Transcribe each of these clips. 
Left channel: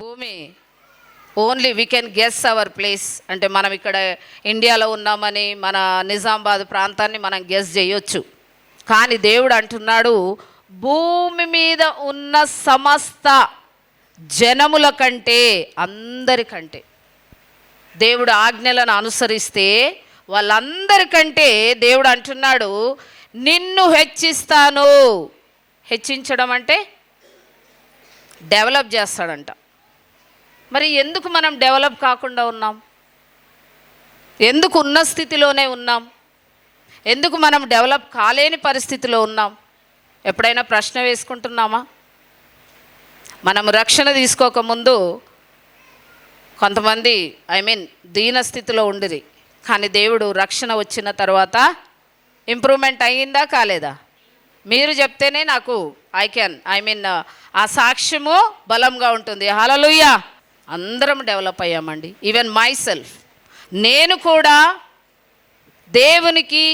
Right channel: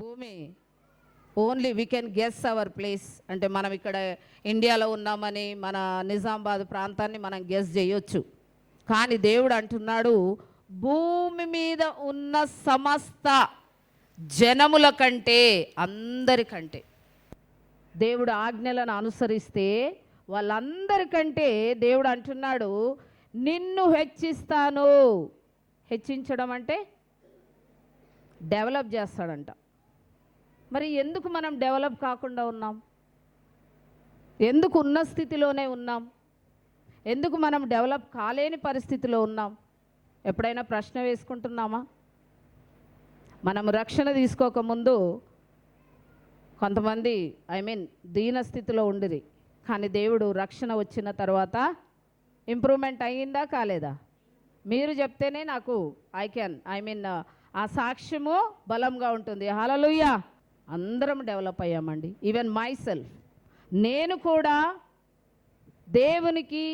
భూమి only we can guess our place. అంటే మనం ఇక్కడ ఇండియాలో ఉన్నామని మన నిజామాబాద్ ప్రాంతాన్ని మనం గెస్ చేయొచ్చు. కానీ దేవుడు అంటున్నాడు, భూమి మీద ఉన్న సమస్త జనముల కంటే, అందరికంటే, దేవుడు ఆజ్ఞలను అనుసరిస్తే వాళ్ళందరికంటే దేవుడు అంటున్నాడు, నిన్ను హెచ్చిస్తాను. హెచ్చించడం అంటే డెవలప్ చేస్తాడంట. మరి ఎందుకు మనం డెవలప్ కాకుండా ఉన్నాం? ఎందుకు ఉన్న స్థితిలోనే ఉన్నాం? ఎందుకు మనం డెవలప్ కాలేని పరిస్థితిలో ఉన్నాం? ఎప్పుడైనా ప్రశ్న వేసుకుంటున్నామా? మనం రక్షణ తీసుకోకముందు కొంతమంది దీన స్థితిలో ఉండిరి. కానీ దేవుడు రక్షణ వచ్చిన తర్వాత ఇంప్రూవ్మెంట్ అయ్యిందా కాలేదా? మీరు చెప్తేనే నాకు ఆ సాక్ష్యము బలంగా ఉంటుంది. హల్లెలూయా. అందరం డెవలప్ అయ్యామండి. ఈవెన్ మై సెల్ఫ్, నేను కూడా దేవునికి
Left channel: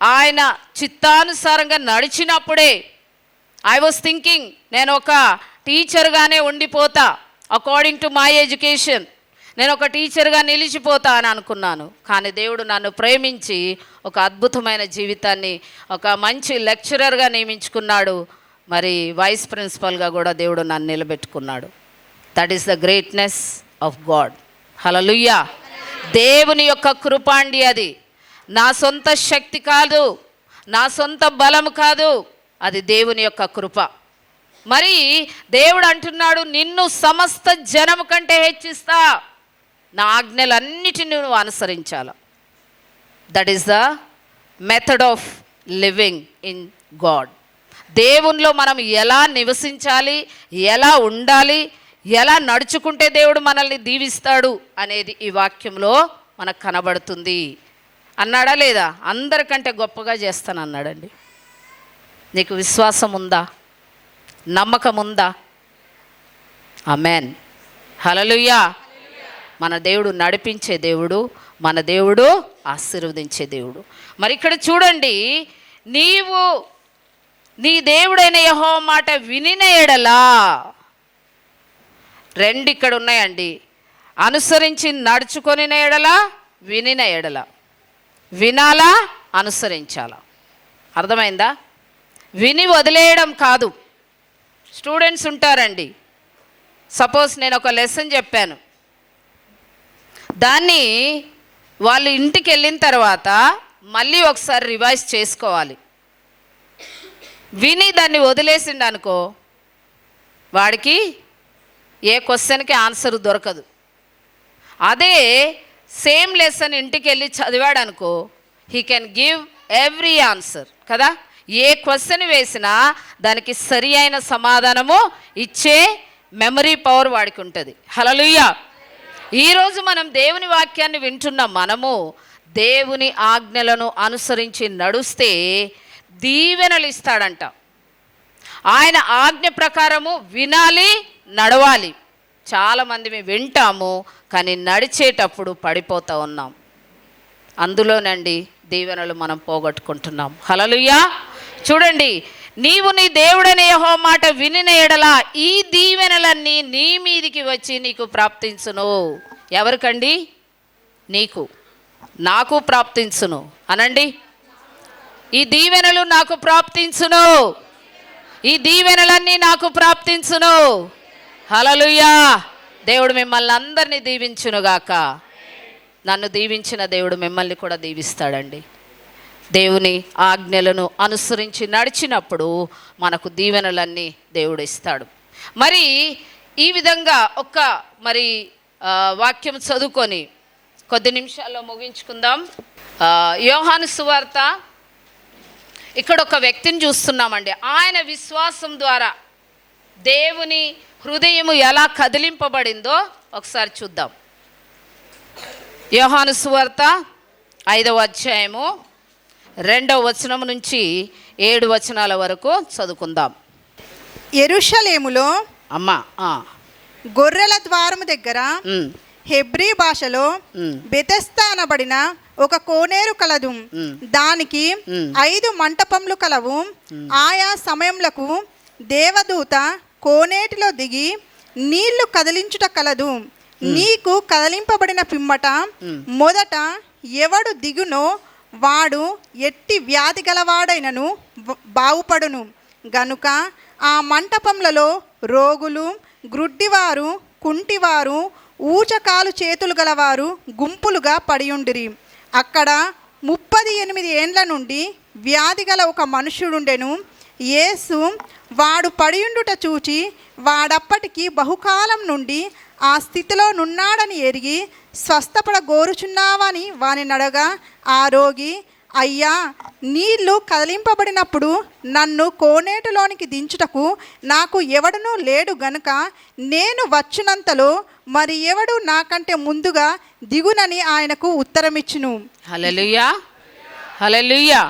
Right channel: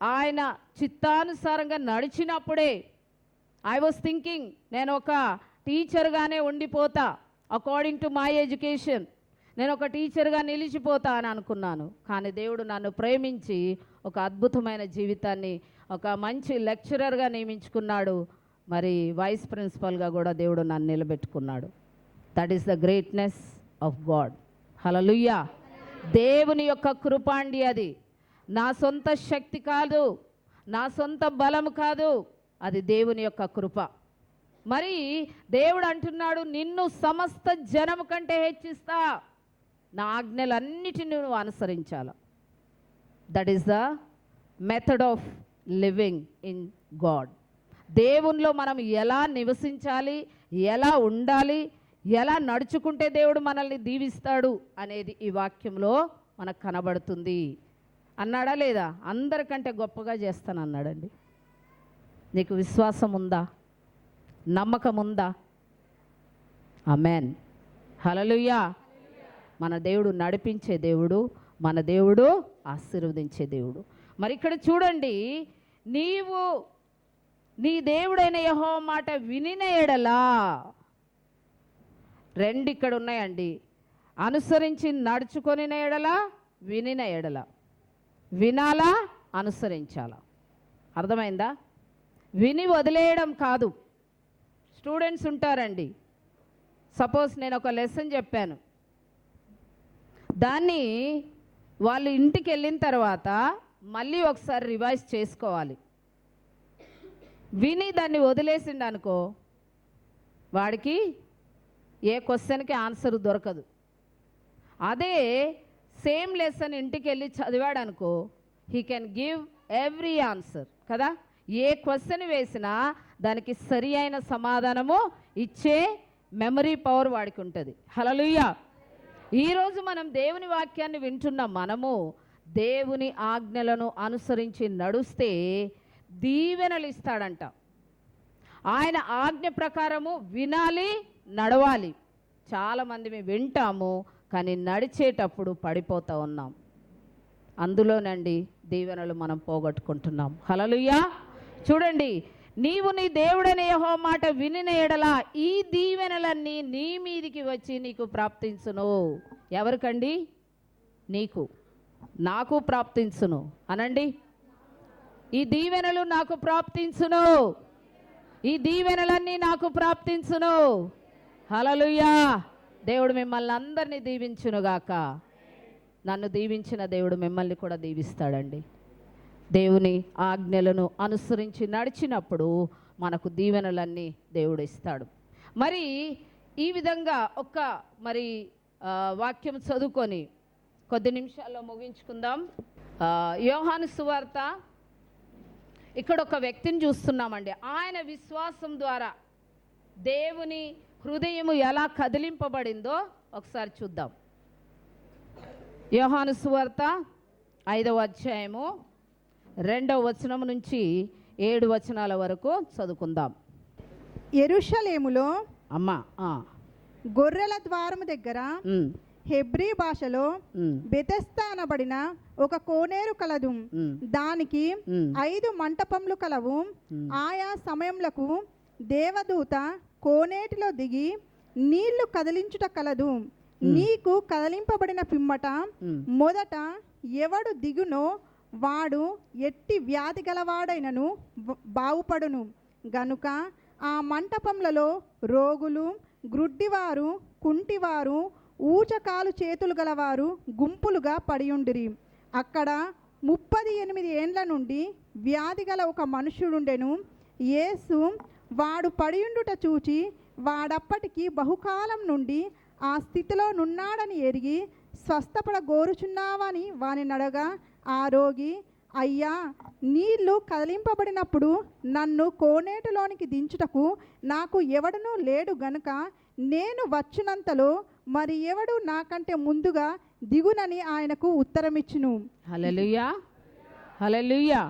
ఆయన చిత్తానుసారంగా నడిచినప్పుడే ఐ వాజ్ థింకింగ్, నేను ఒక టీచర్గానే ఉండిపోతా, అకార్డింగ్ టు మై ఎడ్యుకేషన్ నేను ఒక టీచర్గా నిలిచిపోతా అని అనుకున్నాను. కానీ దేవుడు నన్ను ప్రేమించి ఒక అద్భుతమైన జీవితాన్ని, ఒక మంచి లెక్చరర్గా నియమించుకున్నాడు. మరి వైస్ ప్రిన్సిపల్గా కూడా దేవుడు నన్ను నిలబెట్టుకున్నాడు. That is the greatness of God. Hallelujah. దేవుని యొక్క కృప అండి అది. నా సొంత శక్తి కాదు, నా సొంత బలం కాదు, అది దేవుని యొక్క కృప. మరి దేవుడు అంటున్నాడు, నిన్ను సమస్త జనము కంటే హెచ్చిస్తా, నా ఆజ్ఞలన్నిటిని నువ్వు అనుసరించాల. That is the method of living in God. దేవునిలో మనం ఎలా నివసించాలి, ఎలా ఉండాలి, ఎలా నడుచుకుంటే దేవుడు మనల్ని దీవిస్తాడు అనేది ఈ వాక్యంలో మనకు కనబడుతుంది. అన్నాడా లేదా? అందరికంటే గొప్పగా చేస్తాను అన్నాడండి. నీకు విశ్వాసం ఉందా? నమ్మకం ఉందా? ఆమేన్. హల్లెలూయా. మన దేవుడు నడిపించే దేవుడు, మన దేవుడు ఆశీర్వదించే దేవుడు. మరి ఇక్కడ చూడండి, నీవు నీ దేవుడైన యెహోవా మాట వినిన ఎడలా, రెండు ఇక్కడ ఉన్నాయండి. అనుసరించి నడుచుకొనిన ఎడలా, వినిన ఎడలా. వినాలా, అనుసరించాలా. అర్థమైందా? విని వదిలేయడం కాదు. స్టూడెంట్స్ ఉంటారండి, సపోజ్ నేను ఒక లెసన్ చెప్పాను, దాన్ని వాళ్ళు ఇంటికి వెళ్ళిన తర్వాత మళ్ళీ ఒకసారి రివైజ్ చేసుకోవాలి. విని దాన్ని వదిలేసిండు అనుకో, వాడికి ఏ క్వశ్చన్కి ఆన్సర్ దొరకదు. అదే సేమ్ లెసన్ ఇంటికి వెళ్ళి చదివాడు అనుకో, he can give every answer కదా. ఏ క్వశ్చన్ వేసినా దానికి సరి అయిన సమాధానము ఇచ్చే మెమరీ పవర్ వాడికి ఉంటుంది. హల్లెలూయా. ఈరోజు మనం దేవుని వాక్యాన్ని వింటున్న మనము దేవుని ఆజ్ఞలను అనుసరించి నడుస్తే దీవెనలు ఇస్తాడంట. ఆయన ఆజ్ఞ ప్రకారము వినాలి, నడవాలి. చాలామంది మేము వింటాము, కానీ నడిచేటప్పుడు పడిపోతూ ఉన్నాం. అందులోనండి దీవెనలు మనం పోగొట్టుకుంటున్నాం. హల్లెలూయా. చూడండి, నీవు నీ దేవుడనే యెహోవా మాట వినిన ఎడలా ఈ దీవెనలన్నీ నీ మీదికి వచ్చి నీకు ప్రాప్తించును. ఎవరికండి? నీకు, నాకు ప్రాప్తించును అనండి. ఈ దీవెనలు నాకు ప్రాప్తించును, ఈ దీవెనలన్నీ నాకు ప్రాప్తించును. హల్లెలూయా. దేవుడు మిమ్మల్ని అందరినీ దీవించునుగాక. నన్ను దీవించిన దేవుడు మిమ్మల్ని కూడా దీవిస్తాడండి. దేవుని ఆజ్ఞలను అనుసరించి నడిచినప్పుడు మనకు దీవెనలన్నీ దేవుడు ఇస్తాడు. మరి ఈ విధంగా వాక్యం చదువుకొని కొద్ది నిమిషాల్లో ముగించుకుందాం. యోహాను సువార్త, ఇక్కడ ఒక వ్యక్తిని చూస్తున్నామండి. ఆయన విశ్వాసం ద్వారా దేవుని హృదయము ఎలా కదిలింపబడిందో ఒకసారి చూద్దాం. యోహాను సువార్త 5వ అధ్యాయము 2వ వచనం నుంచి 7 వచనాల వరకు చదువుకుందాం. యెరూషలేములో గొర్రెల ద్వారము దగ్గర హెబ్రీ భాషలో బెతెస్దా అనబడిన ఒక కోనేరు కలదు. దానికి 5 మంటపములు కలవు. ఆయా సమయములకు దేవదూత కోనేటిలో దిగి నీళ్లు కదిలించుట కలదు. నీకు కదిలింపబడిన పిమ్మట మొదట ఎవడు దిగునో వాడు ఎట్టి వ్యాధి గలవాడైనను బాగుపడును గనుక ఆ మంటపములలో రోగులు, గ్రుడ్డివారు, కుంటివారు, ఊచకాలు చేతులు గలవారు గుంపులుగా పడియుండిరి. అక్కడ 38 ఏండ్ల నుండి వ్యాధి గల ఒక మనుష్యుడుండెను. యేసు వాడు పడియుండుట చూచి వాడప్పటికి బహుకాలం నుండి ఆ స్థితిలో నున్నాడని ఎరిగి స్వస్థపడగోరుచున్నావని వాని నడగా, ఆ రోగి, అయ్యా, నీళ్లు కదిలింపబడినప్పుడు నన్ను కోనేటిలోనికి దించుటకు నాకు ఎవడనూ లేడు గనుక నేను వచ్చినంతలో మరి ఎవడు నాకంటే ముందుగా దిగునని ఆయనకు ఉత్తరమిచ్చును. హల్లెలూయా, హల్లెలూయా.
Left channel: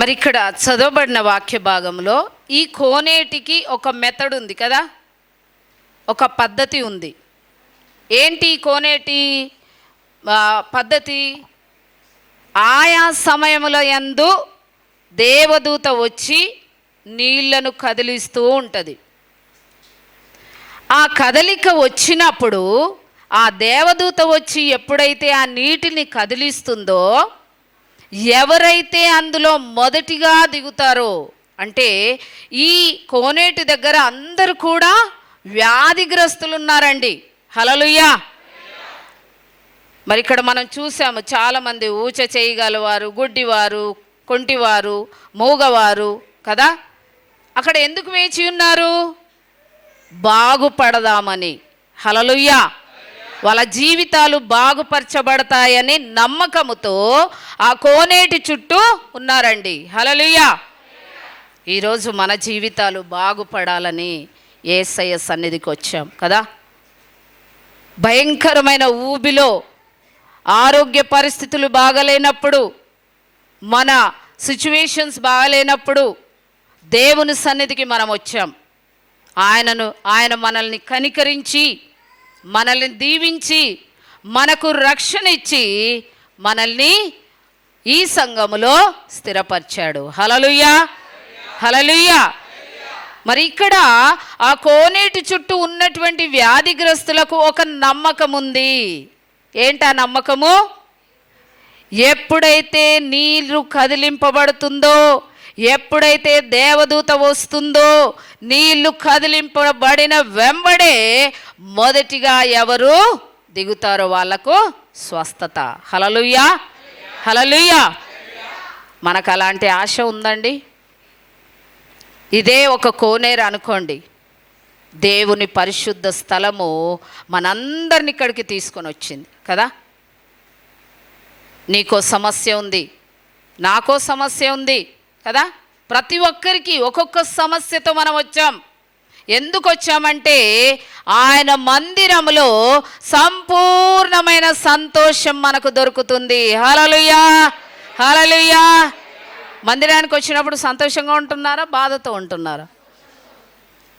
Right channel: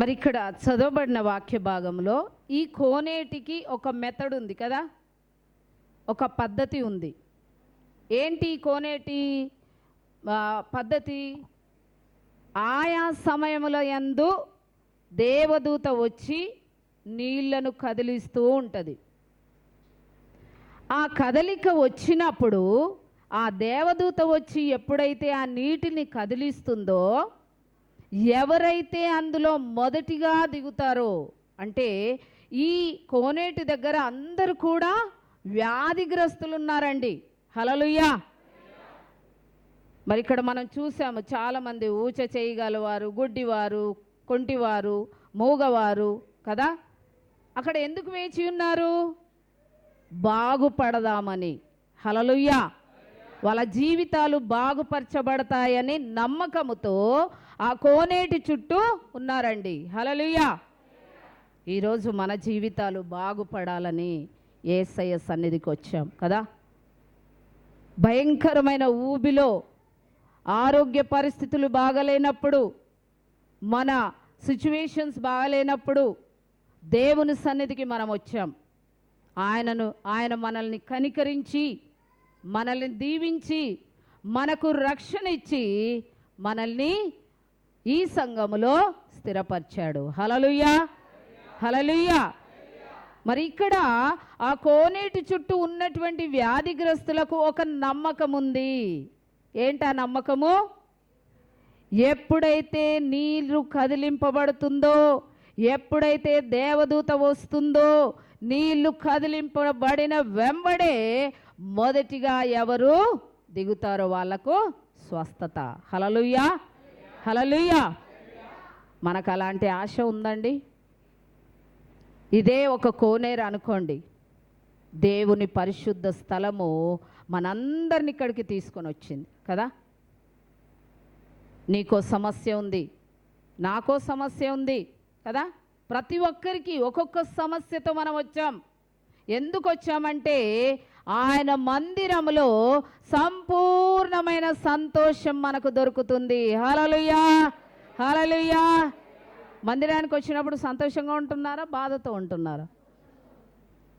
మరి ఇక్కడ చదవబడిన వాక్య భాగంలో ఈ కోనేటికి ఒక మెథడ్ ఉంది కదా, ఒక పద్ధతి ఉంది. ఏంటి కోనేటి పద్ధతి? ఆయా సమయముల యందు దేవదూత వచ్చి నీళ్లను కదిలిస్తూ ఉంటుంది. ఆ కదలిక వచ్చినప్పుడు ఆ దేవదూత వచ్చి ఎప్పుడైతే ఆ నీటిని కదిలిస్తుందో, ఎవరైతే అందులో మొదటిగా దిగుతారో, అంటే ఈ కోనేటి దగ్గర అందరూ కూడా వ్యాధిగ్రస్తులు ఉన్నారండి. హల్లెలూయా. మరి ఇక్కడ మనం చూసాము, చాలామంది ఊచ చేయగలవారు, గుడ్డివారు, కొంటివారు, మూగవారు కదా. అక్కడ ఎందుకు వేచి ఉన్నారు? బాగుపడదామని. హల్లెలూయా. వాళ్ళ జీవితాలు బాగుపరచబడతాయని నమ్మకముతో ఆ కోనేటి చుట్టూ ఉన్నారండి. హల్లెలూయా. ఈరోజు మన జీవితాలు బాగుపడాలని యేసయ్య సన్నిధికి వచ్చాం కదా. భయంకరమైన ఊబిలో, ఆరోగ్య పరిస్థితులు బాగలేనప్పుడు, మన సిచ్యువేషన్స్ బాగలేనప్పుడు దేవుని సన్నిధికి మనం వచ్చాం. ఆయన మనల్ని కనికరించి, మనల్ని దీవించి, మనకు రక్షణ ఇచ్చి, మనల్ని ఈ సంఘములో స్థిరపరిచాడు. హల్లెలూయా, హల్లెలూయా. మరి ఇక్కడ ఆ కోనేటి చుట్టూ ఉన్నటువంటి వ్యాధిగ్రస్తులకు ఒక నమ్మకం ఉంది. ఏంటా నమ్మకము? ఎప్పుడైతే నీళ్లు కదిలింపబడుతుందో, ఎప్పుడైతే దేవదూత వస్తుందో, నీళ్లు కదిలింపబడిన వెంబడే మొదటిగా ఎవరు దిగుతారో వాళ్లకు స్వస్థత. హల్లెలూయా, హల్లెలూయా. మనకు అలాంటి ఆశ ఉందండి. ఇదే ఒక కోనేరు అనుకోండి. దేవుని పరిశుద్ధ స్థలము మనందరిని ఇక్కడికి తీసుకొని వచ్చింది కదా. నీకో సమస్య ఉంది, నాకో సమస్య ఉంది కదా. ప్రతి ఒక్కరికి ఒక్కొక్క సమస్యతో మనం వచ్చాం. ఎందుకు వచ్చామంటే ఆయన మందిరములో సంపూర్ణమైన సంతోషం మనకు దొరుకుతుంది. హల్లెలూయా, హల్లెలూయా. మందిరానికి వచ్చినప్పుడు సంతోషంగా ఉంటున్నారా, బాధతో ఉంటున్నారా?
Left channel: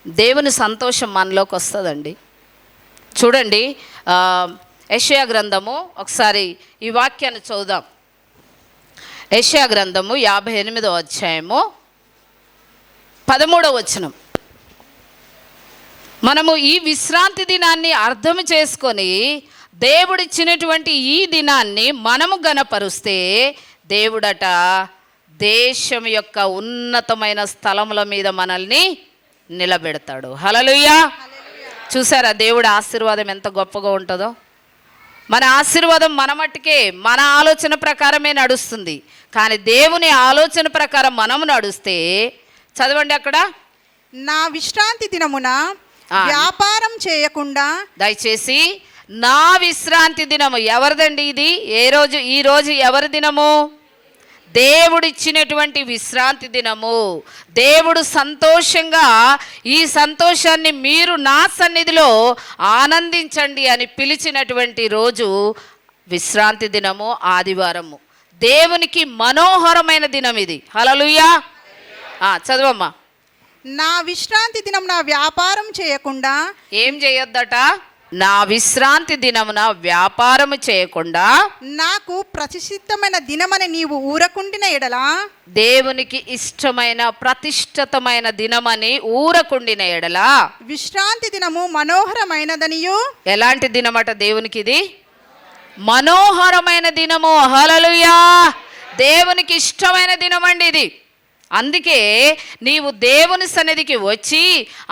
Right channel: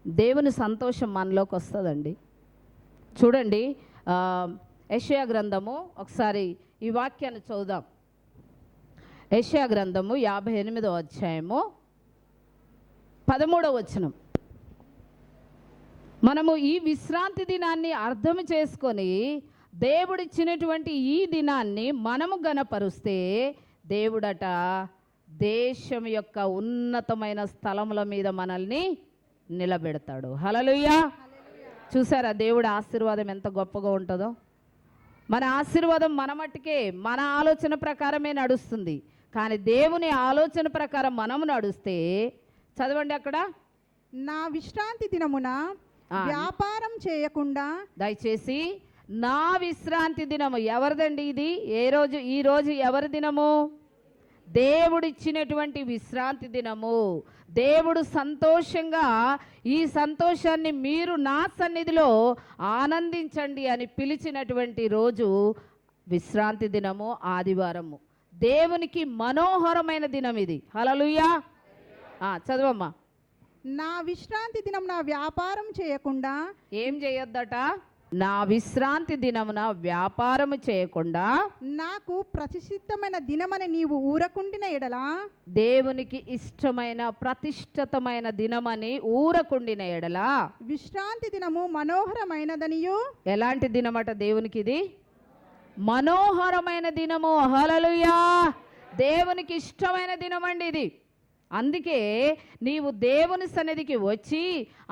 దేవుని సంతోషం మనలోకి వస్తుందండి. చూడండి, యెషయా గ్రంథము, ఒకసారి ఈ వాక్యాన్ని చదువుదాం. యెషయా గ్రంథము 58వ అధ్యాయము 13వ వచనం. మనము ఈ విశ్రాంతి దినాన్ని అర్థం చేసుకొని దేవుడిచ్చినటువంటి ఈ దినాన్ని మనము గణపరుస్తే దేవుడట దేశం యొక్క ఉన్నతమైన స్థలముల మీద మనల్ని నిలబెడతాడు. హల్లెలూయా. చూసారా దేవుడి ఆశీర్వాదం ఎంత గొప్పగా ఉంటుందో? మన ఆశీర్వాదం మన మట్టుకే, మన ఆలోచన ప్రకారమే నడుస్తుంది. కానీ దేవుని ఆలోచన ప్రకారం మనము నడుస్తే, చదవండి అక్కడ, నా విశ్రాంతి దినమున వ్యాపారం చేయకుండా. దయచేసి నా విశ్రాంతి దినము ఎవరిదండి ఇది? ఈ రోజు ఎవరి దినము? దేవుడిచ్చినటువంటి విశ్రాంతి దినము. దేవుడు సంతోషంగా, ఈ సంతోషాన్ని మీరు నా సన్నిధిలో ఆనందించండి అని పిలిచినటువంటి రోజు విశ్రాంతి దినము, ఆదివారము. దేవునికి మనోహరమైన దినం ఇది. హల్లెలూయా. చదవమ్మా. నా విశ్రాంతి దినం నా వ్యాపారం చేయకుండా. ఏం చేయొద్దట? నా విశ్రాంతి దినమున వ్యాపారము చేయకుండా నాకు ప్రతిష్ఠితమైన దినమని నీవు ఊరకుండిన ఎడల దేవునికి ఇష్టమైన ప్రతిష్ఠితమైన దినమని ఊరకుండిన ఎడల విశ్రాంతి దినము మనోహరమైనదనియు. ఎలాంటి దినమట దేవునికి ఇది? మనోహరమైన దినము. హల్లెలూయా! దేవునికి ఇష్టమైన దినం అండి ఇది. అందుకే నీవు దేవుని సన్నిధికి వచ్చి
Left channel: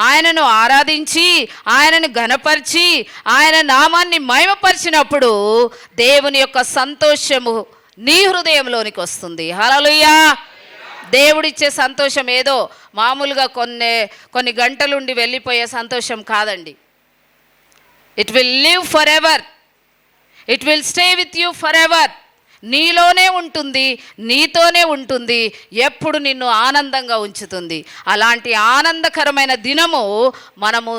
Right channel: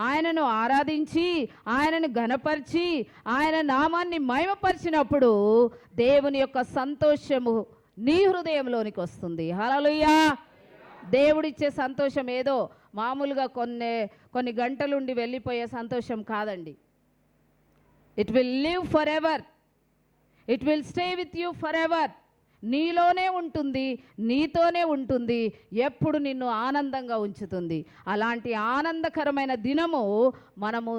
ఆయనను ఆరాధించి ఆయనను ఘనపరిచి ఆయన నామాన్ని మహిమపరిచినప్పుడు దేవుని యొక్క సంతోషము నీ హృదయంలోనికి వస్తుంది. హల్లెలూయా! దేవుడిచ్చే సంతోషం ఏదో మామూలుగా కొన్ని గంటలుండి వెళ్ళిపోయే సంతోషం కాదండి. It will live for ever, it will stay with you for ever. నీలోనే ఉంటుంది, నీతోనే ఉంటుంది, ఎప్పుడు నిన్ను ఆనందంగా ఉంచుతుంది. అలాంటి ఆనందకరమైన దినము మనము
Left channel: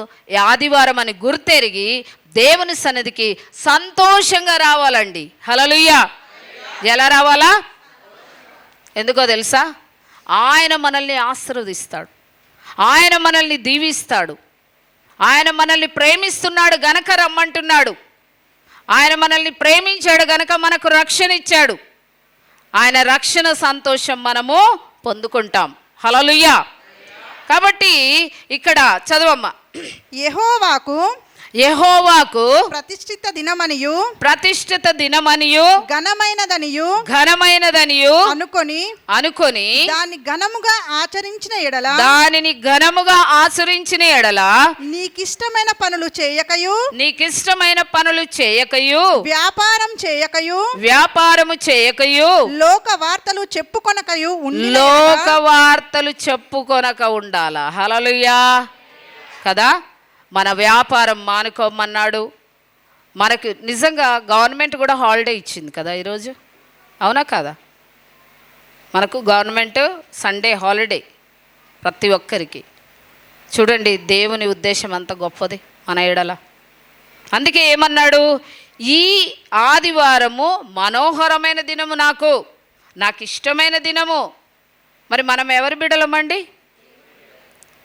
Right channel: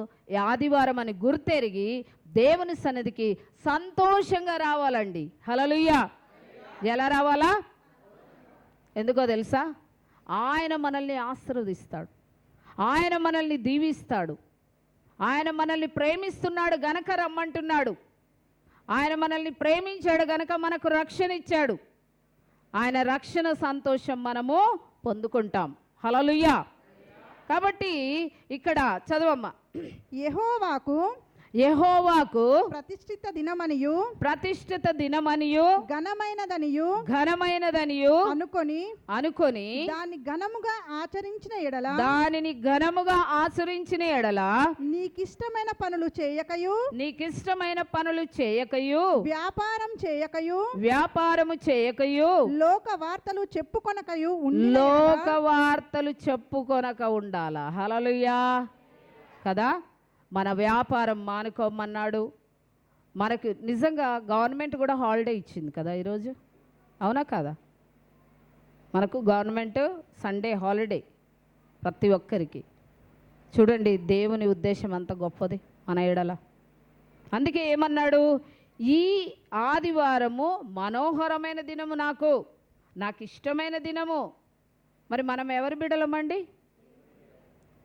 ఆదివారం అని గుర్తెరిగి దేవుని సన్నిధికి సంతోషంగా రావాలండి. హల్లెలూయా! ఎలా రావాలా? ఎందుకో తెలుసా? ఆయన మనల్ని ఆశీర్వదిస్తాడు, ఆయన మనల్ని దీవిస్తాడు, ఆయన మనల్ని ప్రేమిస్తున్నాడు గనక రమ్మంటున్నాడు. ఆయన మనల్ని ప్రేమించాడు గనక మనకు రక్షణ ఇచ్చాడు. ఆయన రక్షణ సంతోషం మనము పొందుకుంటాం. హల్లెలూయా! కాబట్టి ఇక్కడ చదవమ్మా. యెహోవాకు ప్రతిష్ఠిత దినమనియు ఘనమైనదనియు అనుకొని దాన్ని ఘనముగా ఆచరించిన ఎడల నీకిష్టమైన పనులు చేయకయు వ్యాపారము చేయకయు లోక వార్తలు చెప్పుకొనక ఉండాలా. హల్లెలూయా! కదా, మన వ్యాపారం మానుకోమన్నాడు. మనకు నిజంగా గవర్నమెంట్ కూడా హాలిడే ఇచ్చింది కదా ఈరోజు, అవునా కదా? మనకు గవర్నమెంట్ సండే హాలిడే ప్రతి ఒక్కరికి. చూడండి దేవుని ఉద్దేశం అంత గొప్పది మన ఎడల. అందుకే ఏమన్నాడు? ఈ ఆదివారము మనోహరమైన దినము, నాకు ఇష్టమైన దినము. మరి మనం ఎవరి బిడ్డలమండి?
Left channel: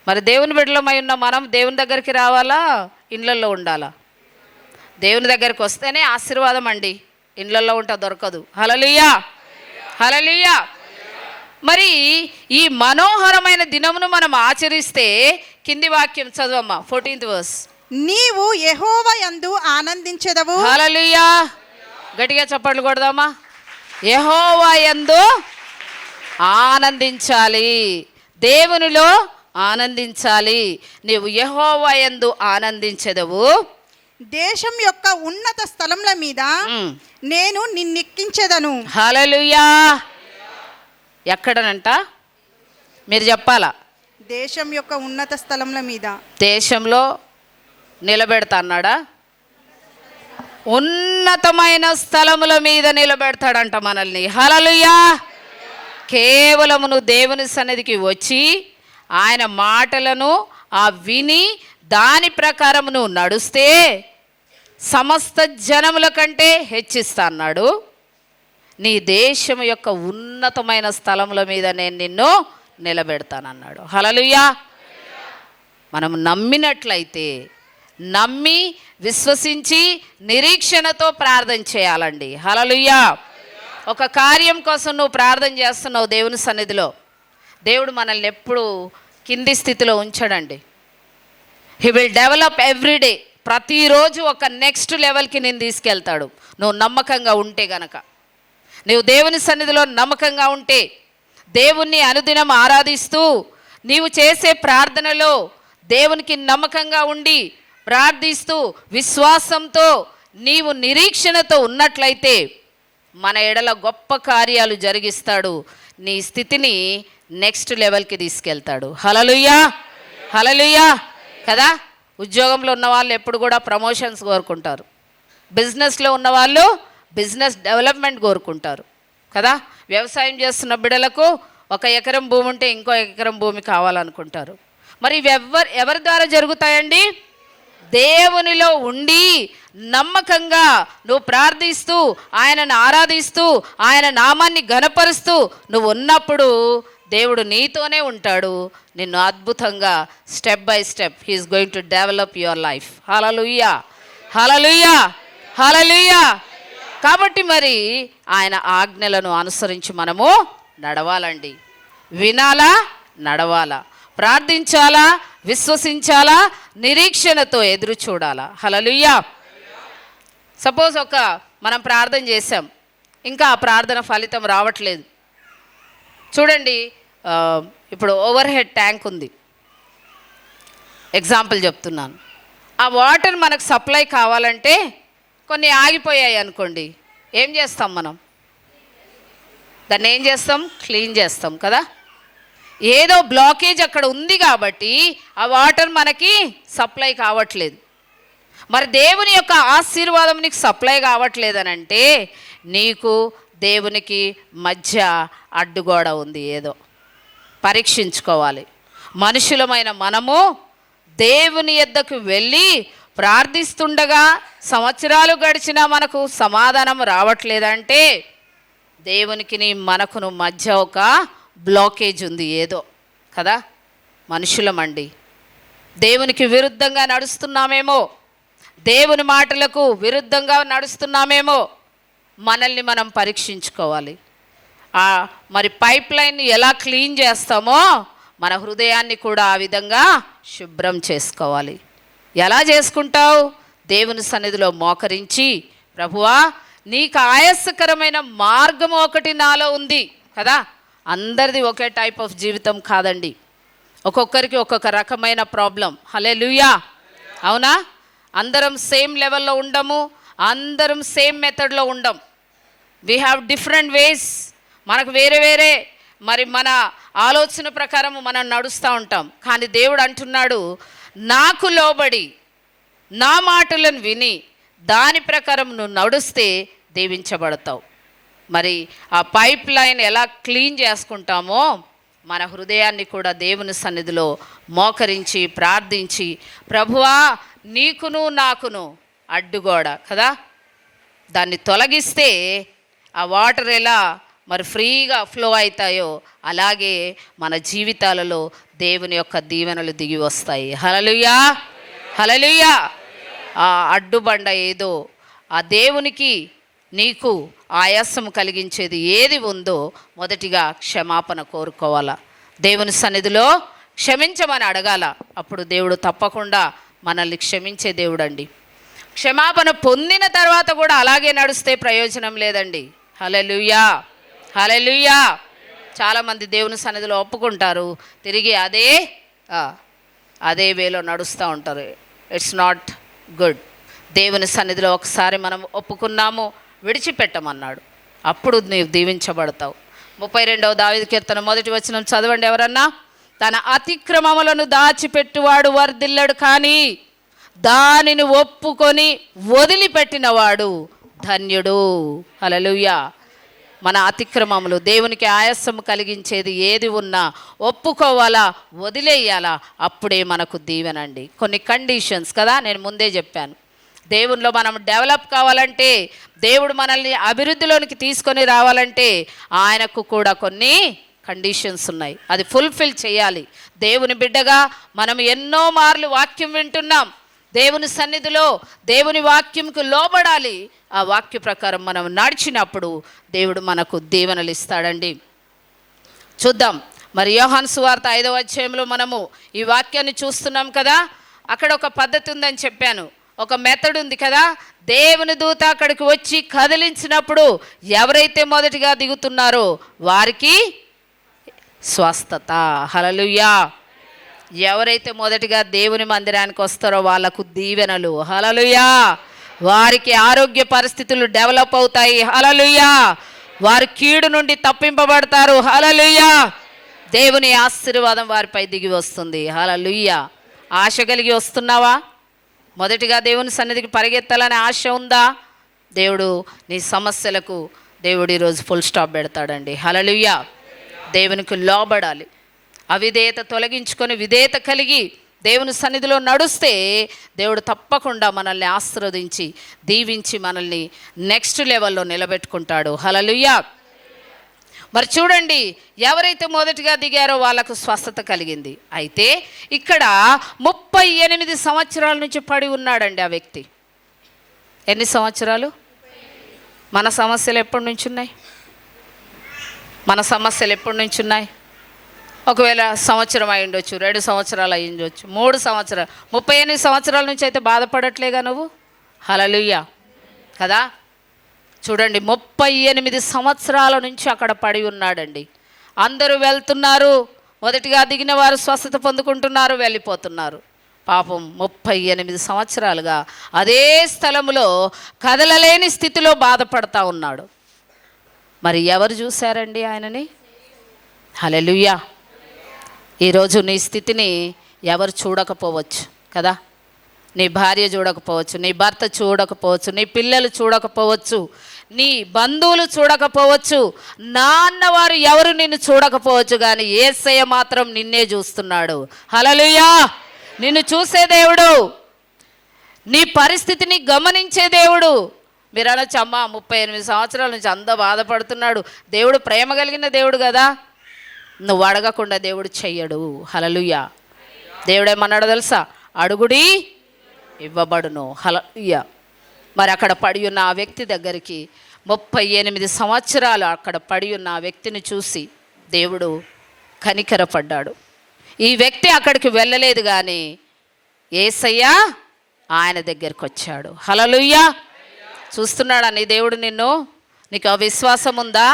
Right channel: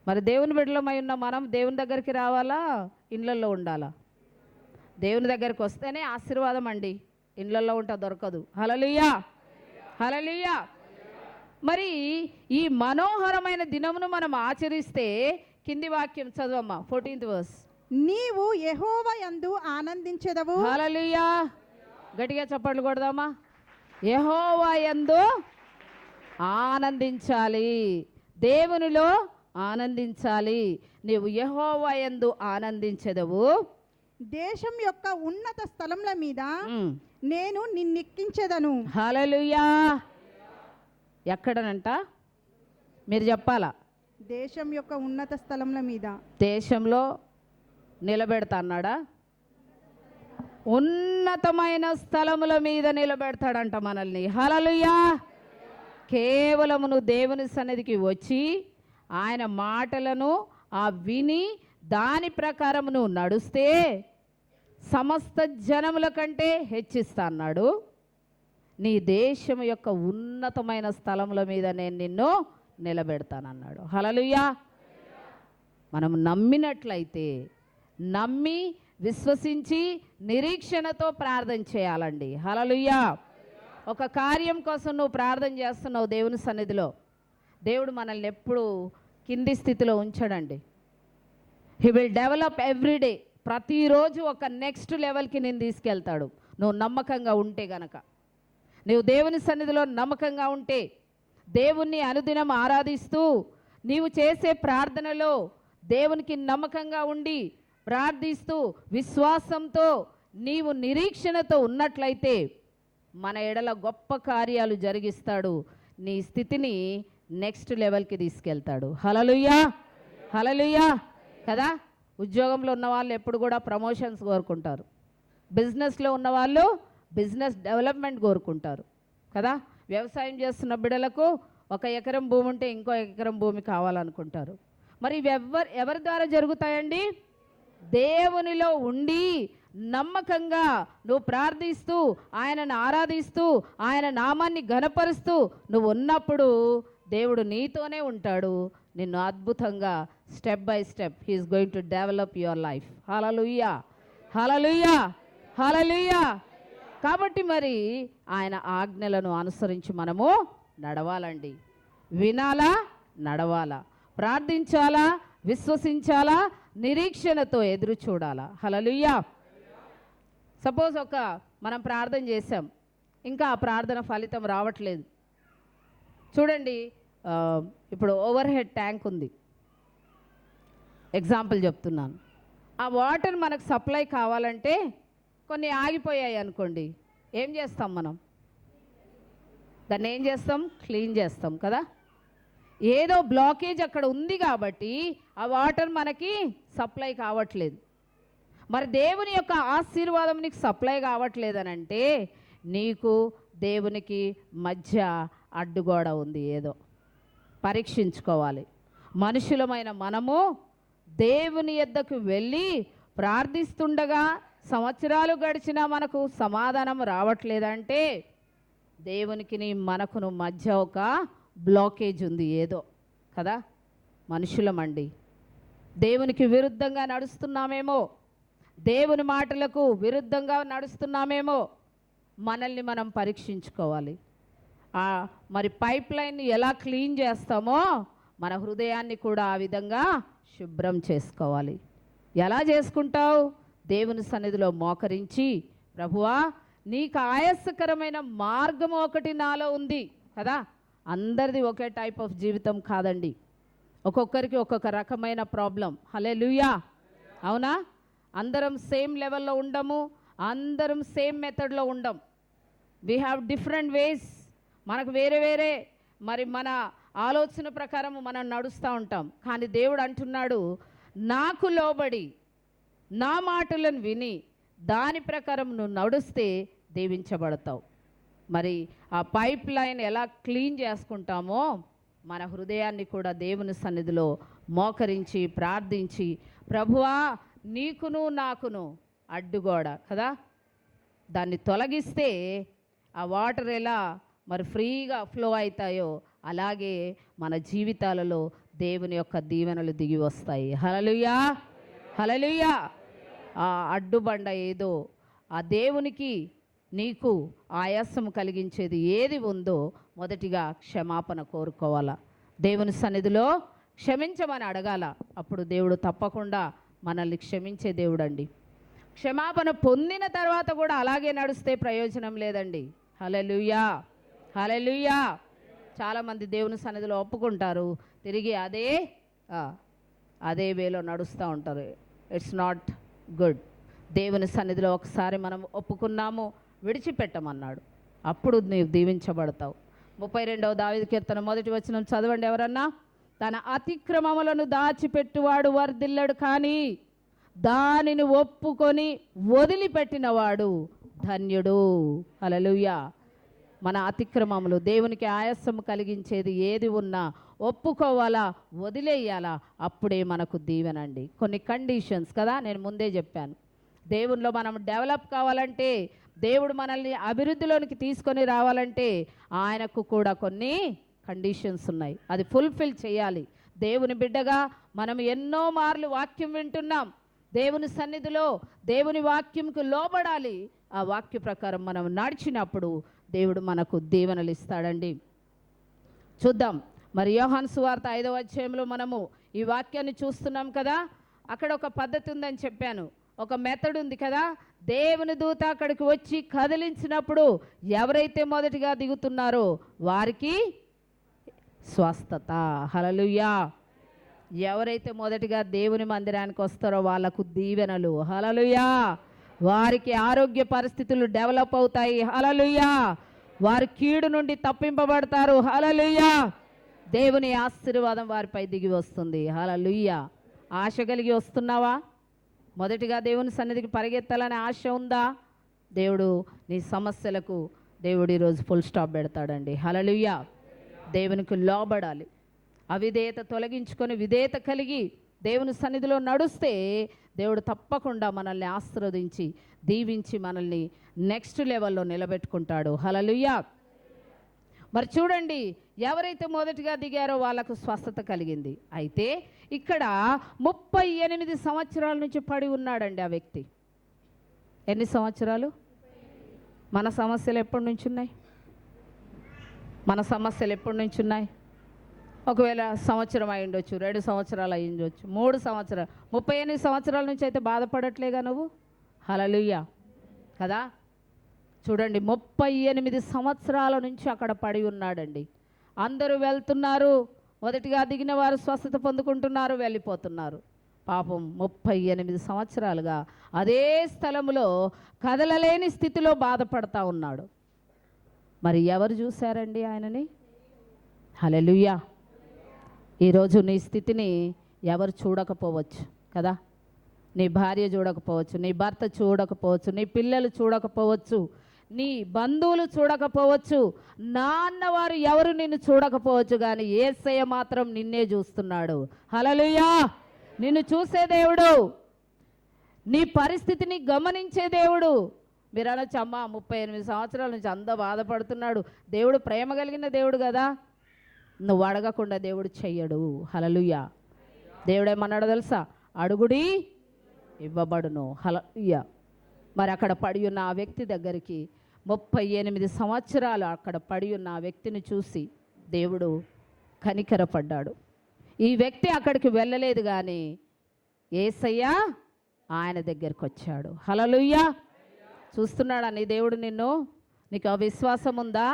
మరి దేవుని బిడ్డలమై ఉన్న మనం దేవుని దగ్గరికి రావాలా, ఇండ్లల్లో ఉండాలా? దేవుని దగ్గరికి వస్తేనే ఆశీర్వాదం అండి, ఇండ్లల్లో ఉంటే దొరకదు. హల్లెలూయా! హల్లెలూయా! మరి ఈ మనోహరమైన దినమును మనం ఆచరిస్తే కింది వాక్యం చదవమ్మా, 14th verse. నీవు యెహోవా యందు ఆనందించెదవు. హల్లెలూయా! గట్టిగా చప్పట్లు కొడదామా. యెహోవా యందు ఆనందించాలి, దేవునిలో ఆనందించాలి. నీవు యెహోవా యందు ఆనందించెదవు. దేశం యొక్క ఉన్నత స్థలముల మీద నేను నిన్నెక్కించెదను. హల్లెలూయా! ఎక్కడనంట? మీరు చెప్పాలా? దేశం యొక్క ఉన్నత స్థలముల మీద. దేశంలో నిలబెడతా అన్నాడా? ఉన్నతమైన స్థలముల మీద నిలబెడతాడంట మనల్ని. హల్లెలూయా! కేవలము నువ్వు దేవుని సన్నిధికి వచ్చి ఆయన మాటలను విని దాని ప్రకారం నువ్వు నడుస్తే సమస్త జనముల కంటే హెచ్చిస్తా అన్నాడు. నీ దేశం యొక్క ఉన్నతమైన స్థలముల మీద నేను నిన్ను నిలబెడతానన్నాడు. హల్లెలూయా! మనం నమ్మినట్లయితే, నమ్మి విశ్వసించి నిరీక్షణతో ప్రార్థన చేయాలండి. హల్లెలూయా! ఒక కార్యం కోసం నువ్వు ప్రార్థన చేస్తున్నావు దేవుని సన్నిధిలో, దేవుడు మనల్ని ఎప్పుడు కింది స్థితిలో ఉంచాడండి. He will develop everyday. ప్రతిరోజు ఒక నెక్స్ట్ లెవెల్కి నేను తీసుకెళ్తాడు. నువ్వు నమ్మకంగా ఉంటే గనక, నువ్వు దేవుని సన్నిధిలో నమ్మకంగా ఉంటే, దేవుణ్ణి అనుదినం ఆరాధిస్తూ నీవు చేసే ప్రార్థనలో దేవునికి నమ్మకంగా ఉండి ప్రార్థిస్తూ విశ్వాసంతో నీవు నిరీక్షణతో ఉన్నట్లయితే మన ఎడల గొప్ప కార్యాలు జరిగిస్తాడు. నీ స్థితిని నెక్స్ట్ లెవెల్కి తీసుకెళ్తాడు. హల్లెలూయా! హల్లెలూయా! కదా, ఉద్యోగంలో ఉన్న వాళ్ళు ఎప్పుడు కూడా ప్రమోషన్స్ కోరుకుంటారు. బిజినెస్లో ఉన్నవాళ్ళు బిజినెస్ డెవలప్మెంట్ కోరుకుంటారు కదా. వ్యవసాయం చేస్తున్న బిడ్డలకు 1 ఎకరం భూమి ఉంటే ఇంకో ఎకరం భూమి కావాలనుకుంటారు. మరి ఇవి ఎవరి ద్వారా జరుగుతాయండి? దేవునిలో ఉండి నమ్మకంగా నువ్వు ప్రార్థిస్తూ ఆయనను ఆరాధిస్తూ ఆయన నామాన్ని ఘనపరుస్తూ నువ్వు ఉన్నప్పుడు దేవుడు నీతోనే ఉంటాడు. నిన్ను అద్భుతంగా step by step he is going to develop your life. Hallelujah! Hallelujah, hallelujah. కాబట్టి మరి ఆయన ఆజ్ఞలను అనుసరించి మనము నడవాలండి. వినాలా, నడవాలా, ప్రార్థించాలా, విశ్వసించాలా, నిరీక్షణతో ఎదురు చూడాలా. హల్లెలూయా. సపోజ్ మనం ప్రార్థన చేసాం, ఇంకా ఆ ప్రార్థన ఫలితం రావట్లేదు. చూడండి, ఇప్పుడు ఓవర్ హెడ్ ట్యాంక్ ఉంది, ఎగ్జాంపుల్ చెప్తున్నాను. ఆ వాటర్ మనకు సప్లై కావాలంటే కొన్ని ఆగిపోయాయి అనుకోండి, ఏం చేస్తాం మనం? దాన్ని ఏం చేస్తాం? క్లీన్ చేస్తాం కదా. ఏదో బ్లాకేజ్ అక్కడ ఉంది కాబట్టి ఆ వాటర్ మనకి సప్లై కావట్లేదు. మరి దేవుని యొక్క ఆశీర్వాదం నీకు సప్లై కావట్లేదనంటే నీకు దేవునికి మధ్య అడ్డుగోడ ఉంది. ఏదో పరీక్షించుకోవాలి. మనుషులమైన మనము దేవుని యొద్దకు వెళ్ళి ప్రార్థిస్తుండగా సంవత్సరాలు గడిచినా మనకు సమాధానం రావట్లేదంటే దేవునికి మనకును మధ్య ఒక బ్లాకేజ్ ఉంది ఏదో కదా. మనుషులమండి, దేవునికి విరుద్ధంగా నడుస్తున్నామేమో, దేవుని మాటలకు విరుద్ధంగా నడుస్తున్నామేమో, మనల్ని మనం పరీక్షించుకోవాలి. మరి పైప్ లైన్ని ఎలా క్లీన్ చేస్తామో మన హృదయాన్ని కూడా ఆ విధంగా శుభ్రం చేసుకోవాలి. ఎలా చేసుకుంటావు? దేవుని సన్నిధిలో మోకరించి, ప్రభువా నీకు ఆయాసకరమైన మార్గం ఒకటి నాలో ఉంది కదా. అందరిది ఒకే టైప్ ఆఫ్ జీవితం కాదండి, ఒక్కొక్కరికి ఒక్కొక్క రకమైన ప్రాబ్లం. హల్లెలూయా, అవునా? అందరం సేమ్ లెవెల్లో ఉండము, అందరం సేమ్ మెథడ్లో ఉండం. We have different ways. మనకు వేరే వేరే మరి మన ఆలోచన ప్రకారం మనం నడుస్తూ ఉంటాం. కానీ దేవుడు అంటున్నాడు, నాకు లోబడి నా మాటలను విని దాని ప్రకారం నువ్వు నడుస్తే దీవించబడతావు. మరి ఆ పైప్ లైన్ ఎలా క్లీన్ చేసుకుంటామో మన హృదయాన్ని కూడా దేవుని సన్నిధిలో మోకరించి ప్రార్థించి, ప్రభువా నీకును నాకును అడ్డుగోడ కదా, దాన్ని తొలగిస్తే ఆ వాటర్ ఎలా మరి ఫ్రీగా ఫ్లో అవుతాయో అలాగే మన జీవితాలలో దేవుని యొక్క దీవెనలు దిగి వస్తాయి. హల్లెలూయా, హల్లెలూయా. ఆ అడ్డుబండ ఏదో, ఆ దేవునికి నీకు ఆయాసం కలిగించేది ఏది ఉందో మొదటిగా క్షమాపణ కోరుకోవాలా. దేవుని సన్నిధిలో క్షమించమని అడగాల. అప్పుడు దేవుడు తప్పకుండా మనల్ని క్షమించే దేవుడు అండి. క్షమాపణ పొందిన తర్వాత కూడా అలాగే నడుస్తే ప్రయోజనం లేదండి. హల్లెలూయా, హల్లెలూయా. చాలామంది దేవుని సన్నిధిలో ఒప్పుకుంటారు, తిరిగి అదే వేలో నడుస్తూ ఉంటారు. It's not good. దేవుని సన్నిధిలో ఒకసారి మనం ఒప్పుకున్నాము, విడిచిపెట్టమన్నాడు, అప్పుడు నీవు దీవించబడతావు. 32వ దావీదు కీర్తన 1వ వచనం చదవండి ఎవరన్నా. తన అతిక్రమములను దాచిపెట్టువాడు వర్ధిల్లడు, కానీ దానిని ఒప్పుకొని వదిలిపెట్టినవాడు ధన్యుడు. హల్లెలూయా. మన అతిక్రమములు, దేవునికి ఆయాసం కలిగించేది ఏది ఉన్నా ఒప్పుకోవాలా, వదిలేయాలా, అప్పుడే మనకు దీవెనండి. కొన్ని కండిషన్స్ కదా, నేను ముందే చెప్పాను. దేవునిలో మనం డెవలప్ కావాలంటే, దేవుడు మనల్ని అభివృద్ధిలోనికి తీసుకొని రావాలంటే ఆయనకు కూడా కొన్ని కండిషన్స్ ఉన్నాయి. అది ఫుల్ఫిల్ చేయాలి. దేవుని బిడ్డగా మనం ఎన్నో మార్లు వాక్యం వింటున్నాం. దేవుని సన్నిధిలో దేవుని వాక్యంకు లోబడాలి. ఆ వాక్య ప్రకారం మనం నడిచినప్పుడు దేవుడు మనకు దీవెనలు ఇస్తాడండి. చూద్దాం. మరి యోహాను సువార్త 5వ అధ్యాయంలో మనము ఈ వాక్యాన్ని చూస్తున్నాం కదా. అక్కడ ఒక పద్ధతి ఉందని చెప్పాను, ఒక మెథడ్ ఉంది కదా. దేవుని దూత అక్కడికి వచ్చి కదిలించినప్పుడు ఎవరైతే మొదటిగా దిగుతున్నారో వారికి స్వస్థత. హల్లెలూయా. ఎవరైతే మొదటిగా దేవుని మందిరానికి వస్తారో వాళ్ళకు దీవెనలు. హల్లెలూయా. వారికి ఆరోగ్య పరిస్థితులు డెవలప్ అవుతాయి. హల్లెలూయా. వారు కీడు నుండి తప్పింపబడతారు. హల్లెలూయా. దేవుని ఆశీర్వాదం వారిపై దిగి వస్తుంది. హల్లెలూయా. ఆశ కలిగి వస్తున్నావా? మొదటిగా దేవుని సన్నిధికి పరిగెత్తాలనే ఆశ ఉందా? దేవుడు నీ సమస్యలకు దేవుడు ఈరోజు ఫుల్ స్టాప్ పెడతాడండి. హల్లెలూయా. దేవునికి లోబడాలి. అవిధేయత తొలగించుకొని విధేయత కలిగి దేవుని సన్నిధిలో నడుస్తే దేవుడు తప్పకుండా మనల్ని ఆశీర్వదించి దీవించి మనల్ని నెక్స్ట్ లెవెల్లో నిలబెట్టుకుంటాడు. హల్లెలూయా. మరి చూడండి, ఎవరైతే మొదటిగా దిగారో వాళ్ళకు స్వస్థత కలిగింది. అయితే ఇక్కడ 38 సంవత్సరాల నుంచి పడి ఉన్నాడండి ఆ వ్యక్తి. ఎన్ని సంవత్సరాలు? మన సమస్యలు ఎప్పటి నుంచి ఉన్నాయి? మన సమస్యలు ఎప్పటి నుంచి ఉన్నాయి? ఒకవేళ సంవత్సరం అయి ఉండొచ్చు, 2 సంవత్సరాలు అయి ఉండొచ్చు, 3 సంవత్సరాలు, 38 సంవత్సరాల నుంచి అయితే బాధపడట్లేగా నువ్వు? హల్లెలూయా కదా. చూడండి, 38 సంవత్సరాల నుంచి అక్కడ పడి ఉన్నాడండి. అందరూ వెళ్తున్నారు, మొదటిగా దిగిన వారు స్వస్థత పొందుకుంటున్నారు, వెళ్ళిపోతున్నారు. పాపం 38 సంవత్సరాలుగా అదే స్థలంలో కదలలేని స్థితిలో బాధపడతా ఉన్నాడు. మరి ఎవరు చూశారండి ఆయనని? హల్లెలూయా. ఈరోజు నీ స్థితిని ఎవరు చూడకపోవచ్చు కదా. నీ భార్య చూడకపోవచ్చు, నీ భర్త చూడకపోవచ్చు, నీ పిల్లలు చూడకపోవచ్చు, నీ బంధువులు చూడకపోవచ్చు, నాన్నవారు ఎవరు నిన్ను చూడకపోవచ్చు, కానీ యేసయ్య మాత్రం నిన్నే చూస్తున్నాడు. హల్లెలూయా. నిన్ను చూసే దేవుడు, నీ పరిస్థితిని గమనించే దేవుడు. మీరు అనొచ్చు, అమ్మ 38 సంవత్సరాల నుంచి అంత బాధపడుతున్నాడు, దేవుడు ప్రేమ కలిగిన దేవుడు కదా. నువ్వు అడగకుండా దేవుడు చెయ్యడు. హల్లెలూయా. దేవుడేమన్నాడో తెలుసా? అడుగుడి ఇవ్వబడును. హల్లెలూయా. మరి అక్కడ పడి ఉన్న ఆ వ్యక్తి దగ్గరికి 38 సంవత్సరాలు అక్కడ పడి ఉన్న ఆ వ్యక్తిని చూసి దేవుడు కనికరపడ్డాడు. ఈ వ్యక్తి అక్కడికి వెళ్ళలేదు, కానీ యేసయ్య ఆయన దగ్గరికి వచ్చాడు. హల్లెలూయా. చూస్తున్నాడా నీ దేవుడు నిన్ను? నీకు ఆ విశ్వాసం ఉందా?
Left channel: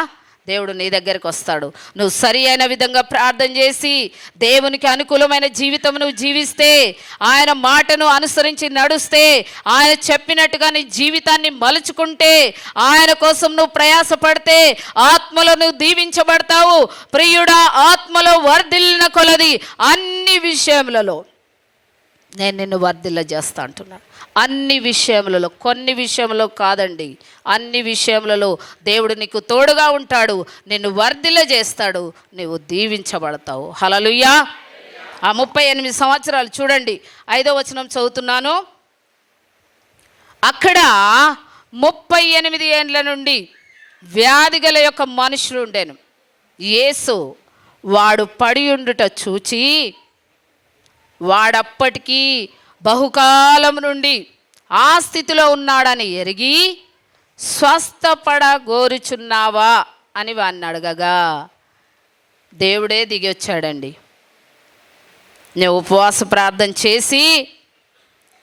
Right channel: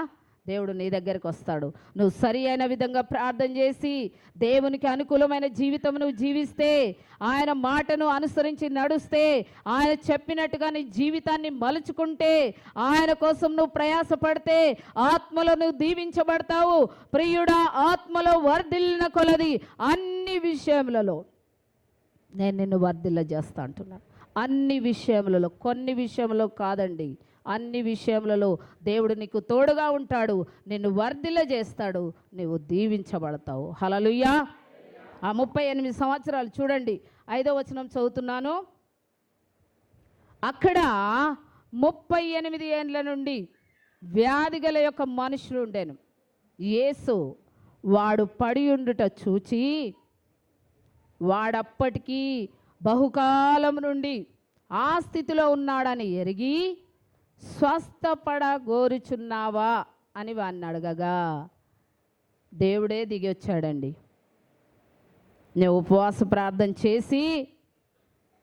దేవుడు నీ దగ్గరికి వస్తాడు. నువ్వు సరి అయిన విధంగా ప్రార్థన చేసి దేవునికి అనుకూలమైన జీవితం నువ్వు జీవిస్తే, ఆయన మాటను అనుసరించి నడుస్తే, ఆయన చెప్పినట్టుగా నీ జీవితాన్ని మలుచుకుంటే, ఆయన కోసం నువ్వు ప్రయాసపడితే ఆత్మలో నువ్వు దీవించబడతావు. ప్రియుడా, ఆత్మలో వర్ధిల్లిన కొలది అన్ని విషయములలో నేను నిన్ను వర్ధిల్ల చేస్తా అంటున్నాను. అన్ని విషయములలో, కొన్ని విషయంలో కాదండి, అన్ని విషయములలో దేవుడు నీకు తోడుగా ఉంటాడు, నిన్ను వర్ధిల్ల చేస్తాడు, నువ్వు దీవించబడతావు. హల్లెలూయా. ఆ 38 సంవత్సరాలు చూడండి, 5వ వచనం చదువుతున్నాను. అక్కడ 38 ఏండ్ల నుండి వ్యాధి గల యొక్క మనుషుడు ఉండెను. యేసు వాడు పడి ఉండుట చూచి, వాడప్పటికీ బహుకాలం నుండి ఆ స్థితిలో ఉన్నాడని ఎరిగి, స్వస్థపడగోరుచున్నావా అని వాడిని అడగగా దేవుడే దిగి వచ్చాడండి. నువ్వు ఉపవాస ప్రార్థన చేసి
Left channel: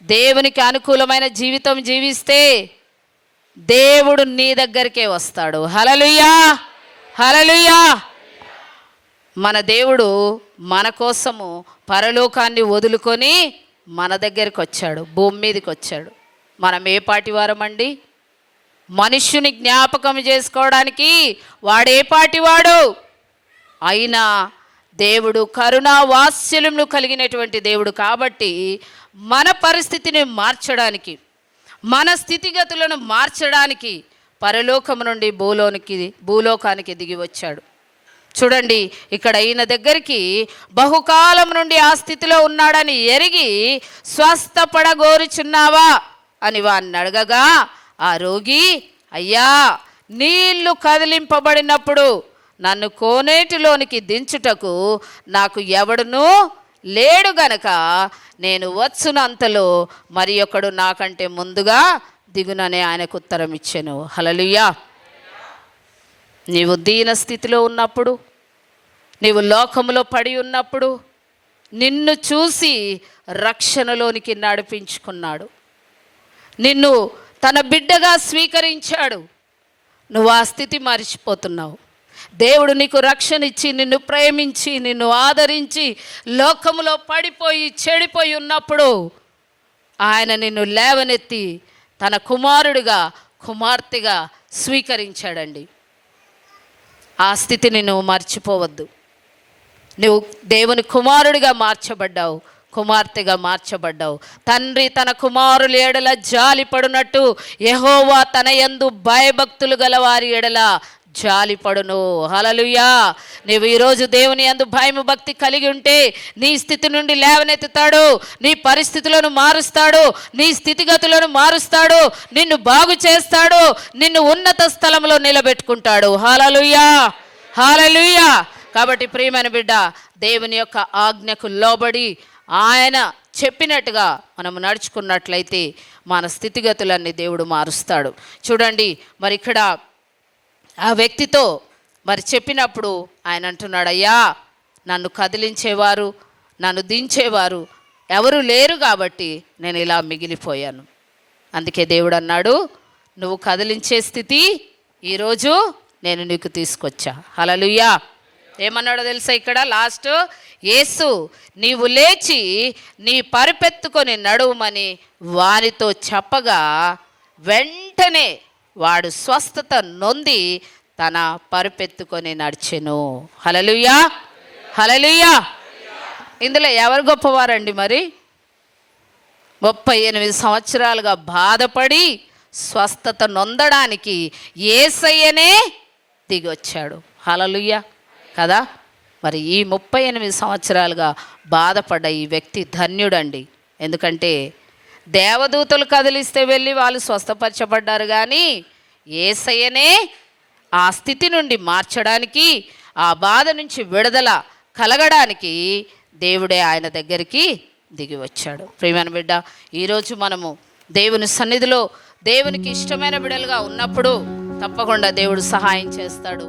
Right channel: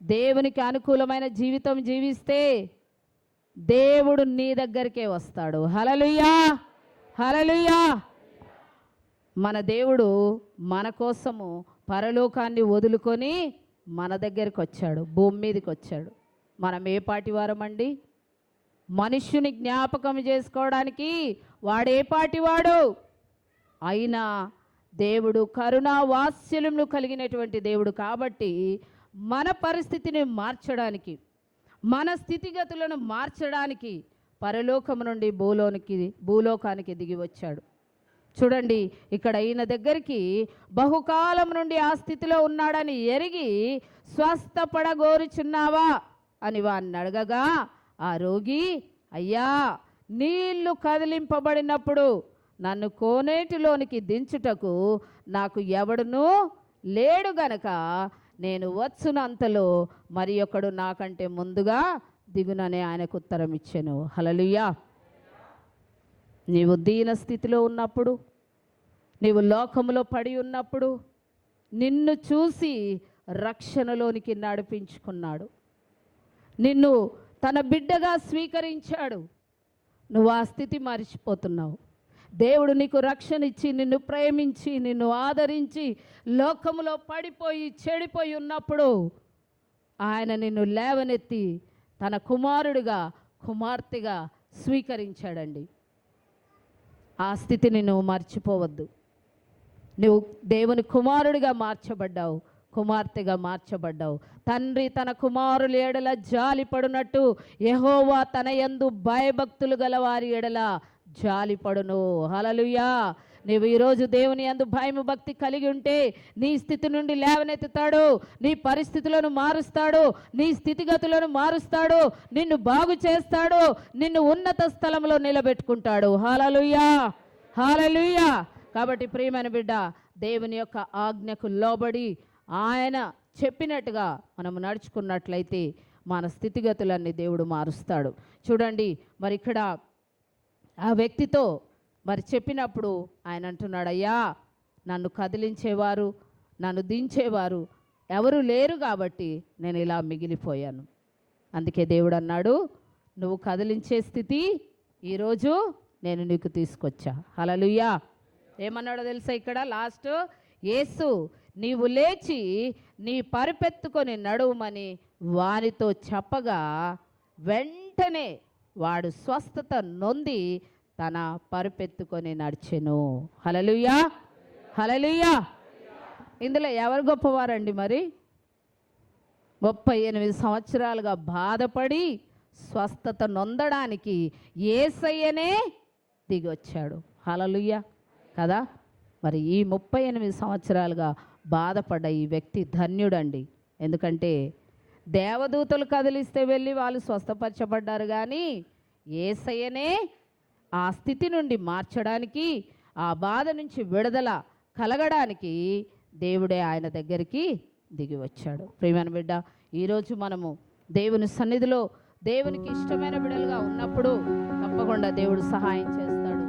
దేవునికి అనుకూలమైన జీవితం జీవిస్తే దేవుడు నీ దగ్గరికే వస్తాడు. హల్లెలూయా. హల్లెలూయా. మన దేవుడు మన కోసము పరలోకాన్ని వదులుకొని మన దగ్గరికి వచ్చాడు, భూమి మీదకి వచ్చాడు. మనం ఏ పాటి వారమండి? మనుష్యుని జ్ఞాపకం చేసుకోవడానికి వాడే పాటివాడు. అయినా దేవుడు కరుణా వాత్సల్యములు కలిగినటువంటి దేవుడు కాబట్టి మన పరిస్థితిని మార్చడానికి, మన స్థితిగతులను మార్చడానికి పరలోకము నుండి భూలోకానికి దిగి వచ్చాడు. చూడండి, ఇక్కడ ఈయన దగ్గరికి బహుకాలం నుండి ఆ స్థితిలో ఉన్నాడని ఎరిగి, స్వస్థపడగోరుచున్నావా అని వాడిని అడగగా ఆ రోగి, అయ్యా, నీళ్లు కదిలింపబడినప్పుడు నన్ను కోనేటిలోనికి దించుటకు నాకు ఎవడునూ లేడు గనక నేను వచ్చునంతలో మరి ఒకడు నాకంటే ముందుగా దిగునని ఆయనకు ఉత్తరం ఇచ్చెను. హల్లెలూయా. నీవు దీన స్థితిలో ఉన్నప్పుడు, నీవు లోకములో పడి ఉన్నప్పుడు నిన్ను చూసి రక్షణలోనికి నడిపించుకున్నాడు, నిన్ను తన బిడ్డగా స్వీకరించాడు. నువ్వు ఆ స్థితి మరిచిపోతున్నావు. దేవుడు నీకు రక్షణ ఇచ్చి, నిన్ను ప్రేమించి, నిన్ను ఆదరించి, లోకములో పడిపోయి చెడిపోయి ఉన్నప్పుడు ఆయన నిన్ను లేవనెత్తి తన కుమారుడిగా, కుమార్తెగా స్వీకరించాడండి. ఆ స్థితిని నువ్వు మర్చిపోవద్దు. నువ్వు దేవుని కుమారుడిగా మార్చబడ్డావు, కుమార్తెగా మార్చబడ్డావు. తండ్రి తన కుమారుల ఎడల జాలిపడునట్టు యెహోవా తన యందు భయభక్తులు గల వారి ఎడల జాలిపడును. హల్లెలూయా. నువ్వు ఈరోజు దేవుని యందు భయము భక్తి కలిగి ఉంటే నీ స్థితి నుండి లేవనెత్తుతాడు, నీ పరిస్థితులను మారుస్తాడు, నీ స్థితిగతులను మారుస్తాడు, నిన్ను బాగు చేస్తాడు, నిన్ను ఉన్నత స్థలంలో నిలబెట్టుకుంటాడు. హల్లెలూయా. హల్లెలూయా. కాబట్టి ప్రియమైన బిడ్డ, దేవుని యొక్క ఆజ్ఞకు లోబడి ఆయన చెప్పినట్టుగా మనం నడుచుకున్నట్లయితే మన స్థితిగతులన్నీ దేవుడు మారుస్తాడు. చూడండి, మరి ఇక్కడ ఆ వ్యక్తితో మరి చెప్పినప్పుడు ఆయన అంటున్నాడు, అయ్యా నన్ను కదిలించేవారు, నన్ను దించేవారు ఎవరు లేరు కాబట్టి నేను ఇలా మిగిలిపోయాను. అందుకే దేవుడు అన్నాడు, నువ్వు కదిలించే స్థితి ఈరోజు నేను నీకు తీసుకొచ్చా. హల్లెలూయా. ఏమన్నాడో తెలుసా ఇక్కడ లాస్ట్, యేసు నీవు లేచి నీ పరుపెత్తుకొని నడువుమని వానితో చెప్పగా వెంటనే వాడు స్వస్థత నొంది తన పరుపెత్తుకొని నడిచెను. హల్లెలూయా, హల్లెలూయా. ఇందులో ఎవరు గొప్పవారండి? మరి 38 సంవత్సరాలుగా బాధపడి స్వస్థత నొందడానికి యేసయ్యనే దిగొచ్చాడు. హల్లెలూయా కదా. మరి ఈ 38 సంవత్సరాలుగా బాధపడ్డ ఈ వ్యక్తి ధన్యుడండి. ఎందుకంటే దేవదూతలు కదిలిస్తే వెళ్ళి వాళ్ళు స్వస్థపరచబడ్డారు, కానీ యేసయ్యనే ఆ స్థితి నుండి మార్చడానికి, ఆ బాధ నుంచి విడుదల కలగడానికి దేవుడే ఆయన దగ్గరికి దిగి వచ్చాడు. ప్రియమైన బిడ్డ, ఈరోజు మనము దేవుని సన్నిధిలో దేవునికి ఇష్టమైన బిడ్డలుగా ఉన్నప్పుడు తప్పకుండా దేవుడు సహాయం చేస్తాడు.